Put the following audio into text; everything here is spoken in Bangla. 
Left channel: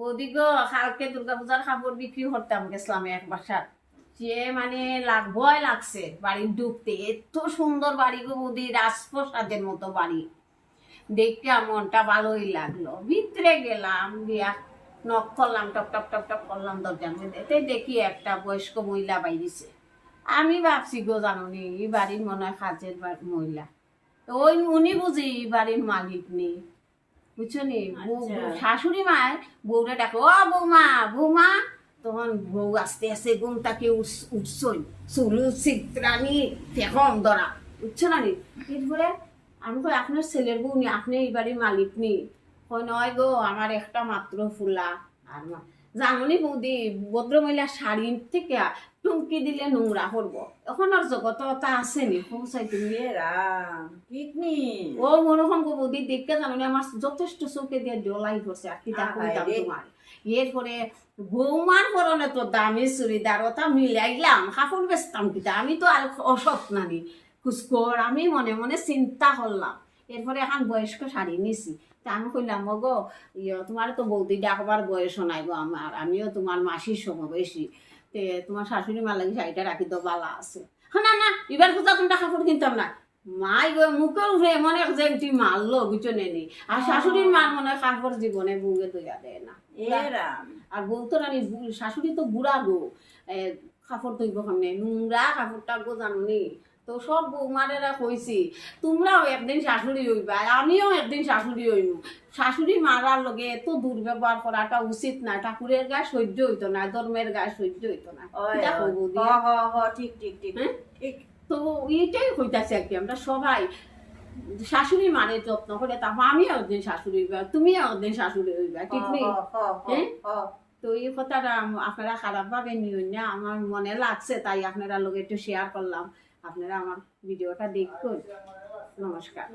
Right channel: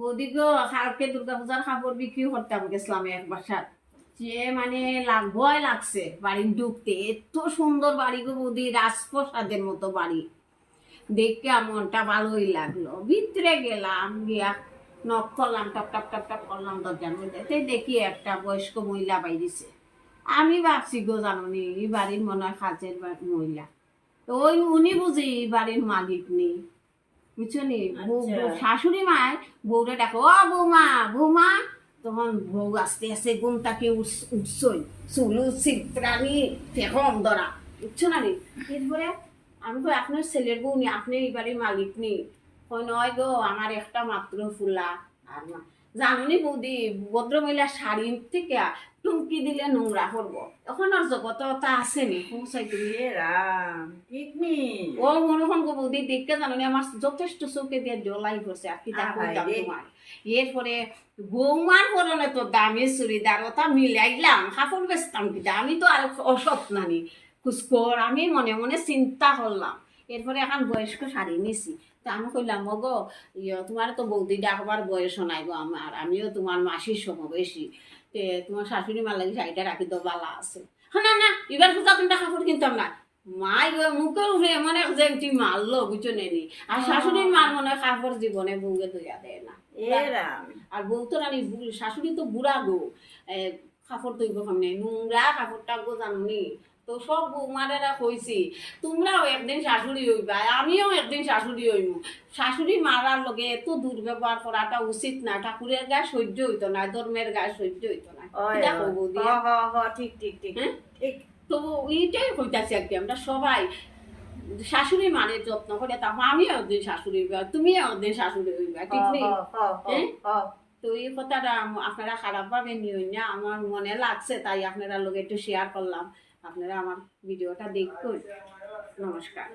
বৌদি গো, কালকে দুর্গাপূজার কাপড় বিক্রি করতাম গেছিলাম এক বাসার। যে মানে ভয় লাগছে বাড়ি ঢুকতে। এত সুন্দর বাড়ি গো বৌদি, রাজপ্রসাদের মতো বাড়ি। দেখে মনটা ভালোই লাগলো। ভিতরে গেলাম, গিয়া নক করলাম, টপ টপ টপ টপ করলাম দরজার মধ্যে। দেখি একটা বয়স্ক মহিলা বাইরেছে। আমি ভাবছি গো, জানি এই বাড়ির মনে হয় কাজের মহিলা। তো ওই উনি বুঝি এই বাড়ির মালিক নেই, বুঝছো নি। শাশুড়ি মায় বউরে ডাকো, ও বৌমা বৌমা। তখন বউ আস্তে আস্তে ঘুম তাকে উঠছই, চুলু চিত্রানি ফেকম ধরা, বুঝছো না নি। এরপরে আমি কই, আপনার ছেলের বউ নি, আপনি এই বাড়ির মালিক নি? কই নয় গো, আমার একটা মাত্র ফুলা। আর মা জানুনি বৌদি, ভদ্রমহিলা শাড়ি থেকে টুমকি দিলে নোংরা করবো। এখন আর জগত তা আসেনি, পৌঁছাই তুমি। ঠিক নি ও মনোখন গো বৌদি, দেখতে জানি আমার যথেষ্ট চোখে দিয়ে জলাই করছে। আর কি তা কইতাম তোমার। এরপরে বৌমার পরনে তো দামি চুড়িদার, ওটা মিলাইলাম, কাপড় বেচতাম কিটা। আমি তো আর অসৎ নানি খুশকর। আমি মনে মনে চিন্তা করলাম। এরপরে এখন বয়স্ক শাড়ি নিছি। তো আমি কইলাম, ও গো তোমার তো বৌদি ডাকবার বয়স নাই গো আমার, আমিও তোমার মাসির সমবয়সী। তে তোমার শাশুড়ি মার লাগি শাড়িটা রাখি তো বালা আছে। না না, এবার কোথাও তুমি কাপড় কিনতাম না। মাই গো মুখের উপরে এমন এক জেনটি মারলো, বুঝছো নেনি। আর শাশুড়ির মার মনে হয় কাপড় জীবনে বউকে দইয়া দেয় না। আর বউ তো রানি, শাশুড়ি তো বুড়া গো, কাপড় ধুইব কেমনে, নোংরা কাপড়টা গো জানি। তো সব বৌমারেরা কইছি, তোমরাও একদিন শাশুড়ি হইবা, আমিও একদিন শাশুড়ি হইব। শাশুড়ি মারার লগে এত দুর্ব্যবহার করাটা উচিত না। ঠাকুরের গায়ে সহ্য হইতো না, ধর্মের গায়ে সহ্য হইতো না। দেখো বৌদি, ঠিক ঠিক ঠিক ঠিক। তো এইটাই হইতাছে আর কি। আমরা সবাই শাশুড়ি মানের যত্ন করে, তারপর আমিও একদিন শাশুড়ি হইবা, তুমিও একদিন শাশুড়ি হইবা, ঠিক নেই? তো এই কথাটা আপনারা খারাপ ভাবে নিও না, আমার মনে লাগছে তাই আপনারা লোক একটু শেয়ার করলাম। আপনারা আমার ভিডিওটা দেখুন। নমস্কার।